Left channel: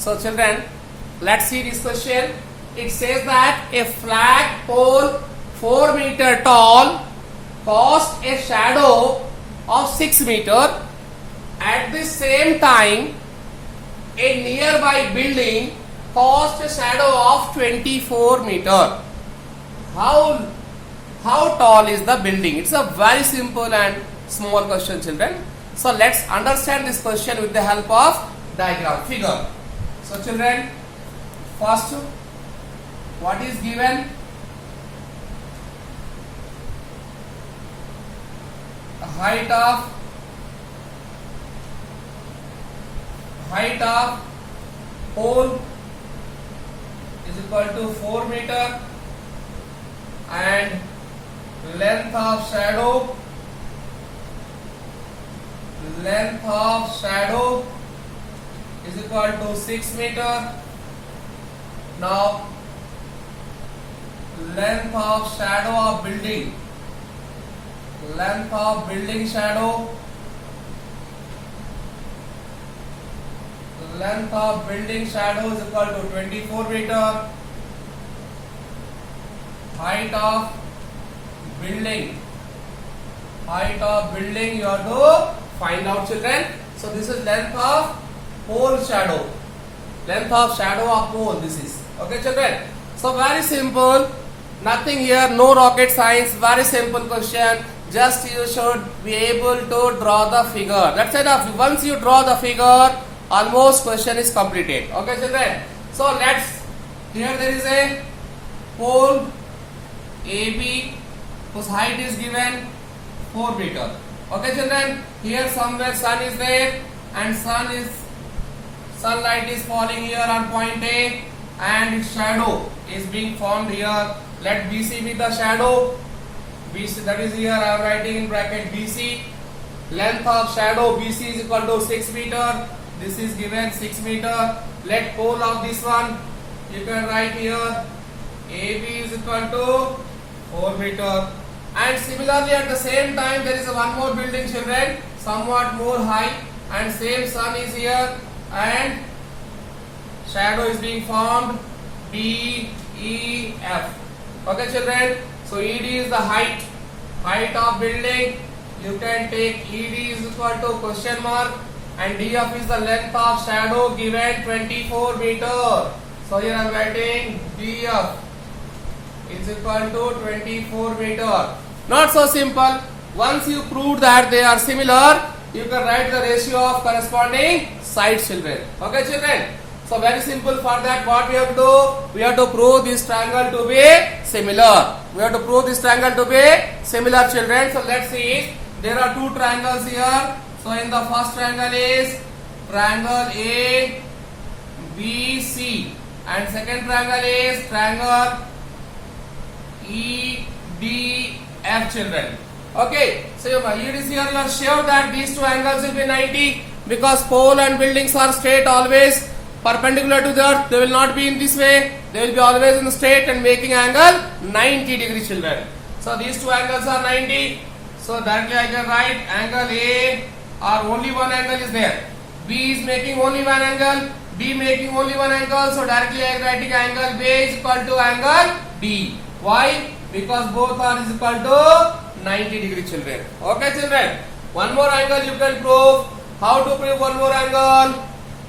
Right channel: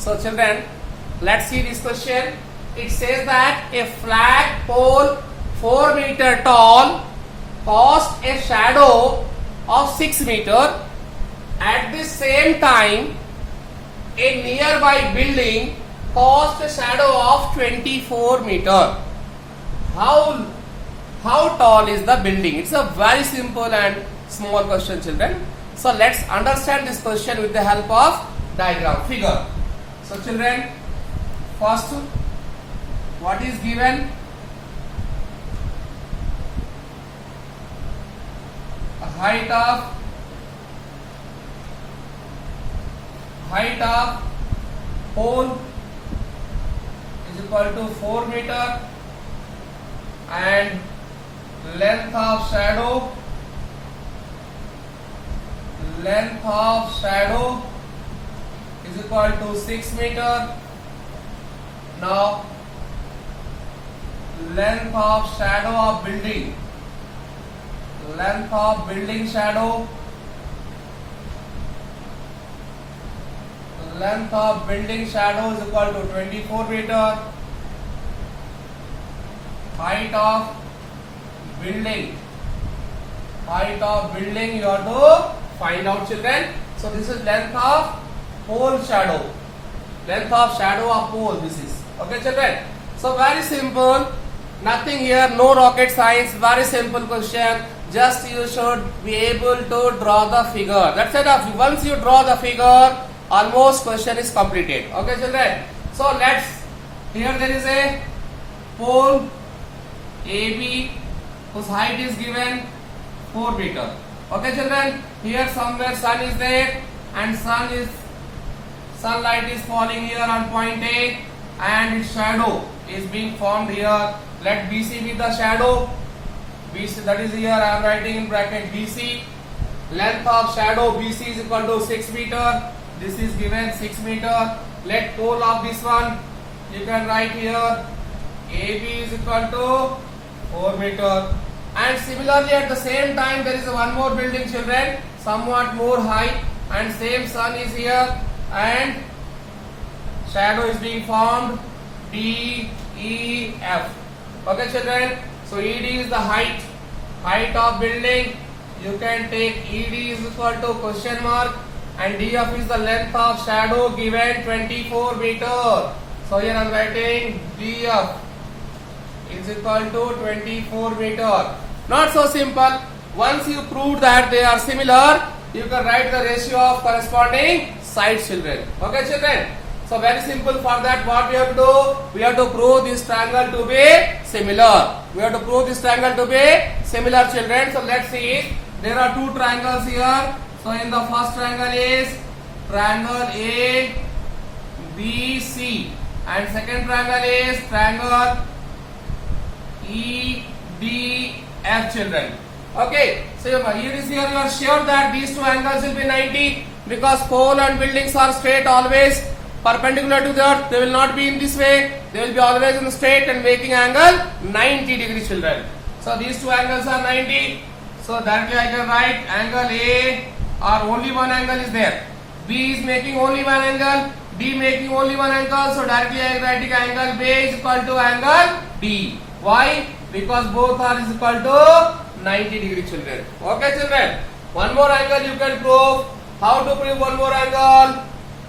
So children, let's see this question. It says that a flag pole 4 meter tall casts a shadow of 6 meter. At the same time, a nearby building casts a shadow of 24 meter. How tall is the building? It's a very simple and small question, children. So let's understand this question with the help of diagram figure. So children, first, what is given? A height of pole is equal to 4 meter and length of shadow is equal to 6 meter. Now length of shadow of building shadow is equal to 24 meter. Height of building you have to find out, children. So this is length of pole shadow. Length of shadow of pole, this is. Okay, children. So very simple. Nothing here, no rocket science. Very simple question. Just you should be able to draw the figure. That's enough. Once you draw the figure, almost question is completed. Okay, children. So here there is a pole AB whose height is given 4 meter. Okay, children. Here somewhere sun is there and sunlight is falling here on point A and its shadow is being formed here. Let BC be the shadow. BC, that is here I am writing in bracket BC. Length of shadow BC is equal to 6 meter. This is given 6 meter. Let pole of this one, you can write here AB is equal to 4 meter. And similarly at the same time there is one more building, children, somewhat more high, and same sun is here and shadow is being formed DEF. Okay, children. So ED is the height of building. You can take ED is equal to question mark and DF is the length of shadow given 24 meter. So here I am writing DF is equal to 24 meter. Not so simple. Once you prove that they are similar, you can write the ratio of corresponding sides, children. Okay, children. So very simple. For that, what we have to do? We have to prove this triangle to be similar. Children. So let's see. There are two triangles here. So in the first triangle is triangle ABC and second triangle is triangle EDF, children. Okay, so here is here you are sure that these two angles will be 90 because pole and buildings are straight always perpendicular to the earth. They will not be in this way. They will be always in the straight and making angle 90 degrees, children. So these two angles are 90. So directly I can write angle A or only one angle is there. B is making only one angle. D making only one angle. So directly I am writing angle B is equal to angle D. Why? Because both are is equal to 90 degree, children. Okay, children. One more angle you can prove. How to prove one more angle?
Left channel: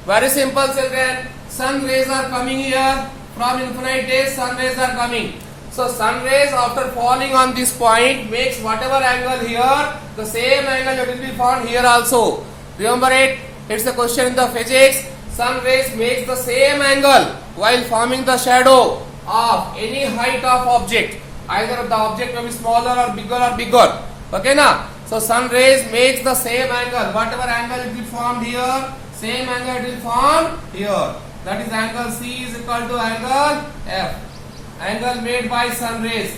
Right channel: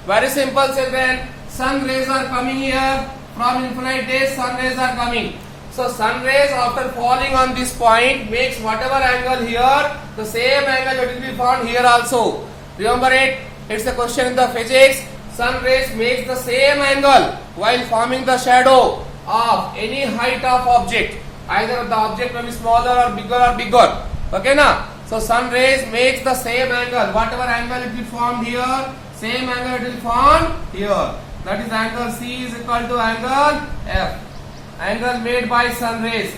Very simple, children. Sun rays are coming here. From infinite days, sun rays are coming. So sun rays after falling on this point makes whatever angle here, the same angle that will be found here also. Remember it? It's a question in the physics. Sun rays makes the same angle while forming the shadow of any height of object. Either the object will be smaller or bigger. Okay, na? So sun rays makes the same angle. Whatever angle it will form here, same angle it will form here. That is angle C is equal to angle F. Angle made by sun rays.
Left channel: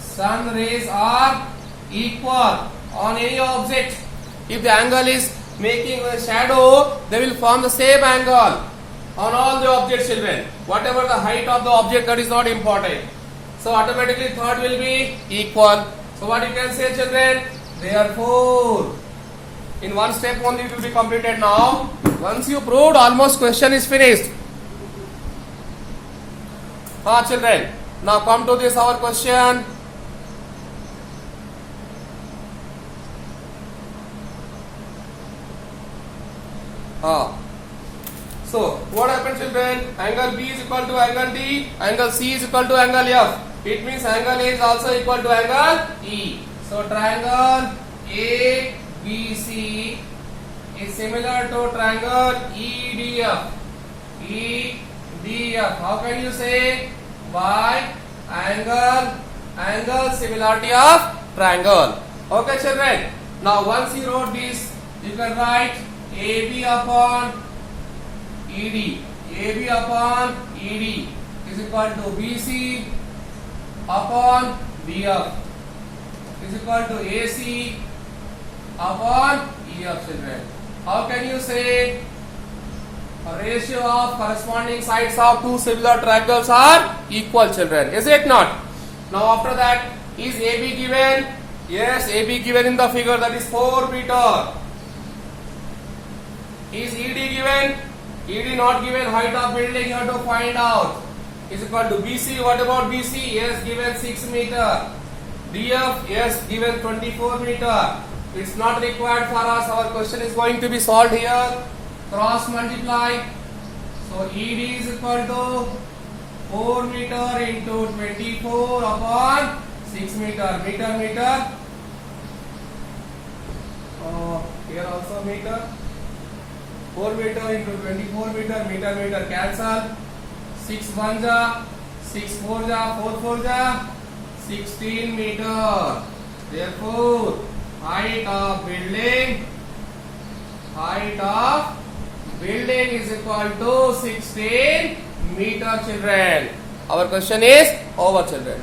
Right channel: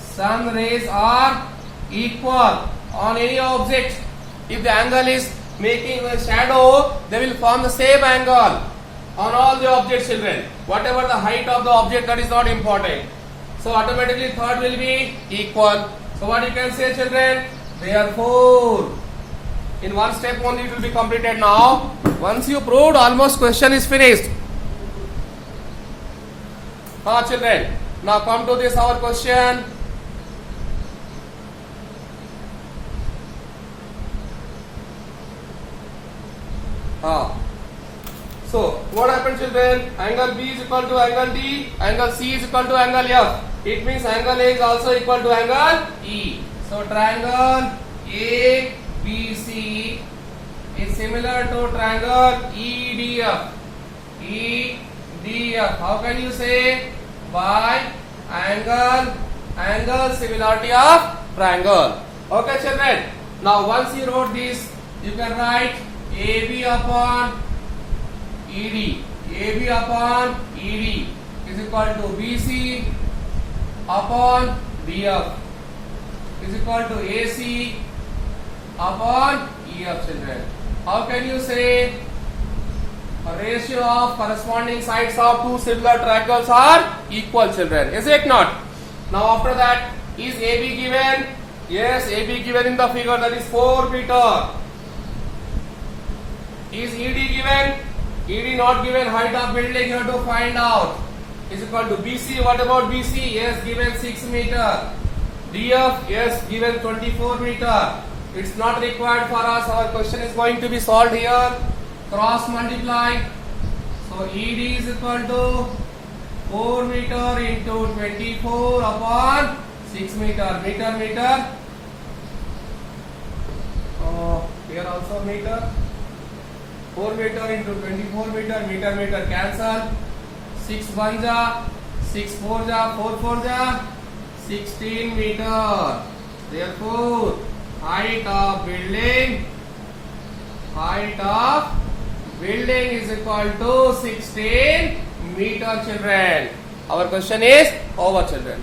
Sun rays are equal on any object. If the angle is making a shadow, they will form the same angle on all the objects, children. Whatever the height of the object, that is not important. So automatically third will be equal. So what you can say, children? Therefore In one step only it will be completed now. Once you proved, almost question is finished. Children, now come to this our question. So, what happened, children? Angle B is equal to angle D, angle C is equal to angle F. It means angle A is also equal to angle E. So, triangle ABC is similar to triangle EDF. EDF. How can you say? By angle similarity of triangle. Okay, children. Now, once you wrote this, you can write AB upon ED. AB upon ED is equal to BC upon BF is equal to AC upon EF, children. How can you say a ratio of corresponding sides of two similar triangles are equal, children? Is it not? Now after that, is AB given? Yes, AB given in the figure, that is 4 meter. Is ED given? ED not given. Height of building you have to find out. Is equal to BC. What about BC? Yes, given 6 meter. DF, yes, given 24 meter. It's not required for us. Our question is going to be solved here. Cross multiply. So ED is equal to 4 meter into 24 upon 6 meter. Meter. Here also meter. 4 meter into 24 meter, cancel. 6 1 ja, 6 4 ja, 4 4 ja, 16 meter. Therefore, height of building is equal to 16 meter, children. Our question is over, children.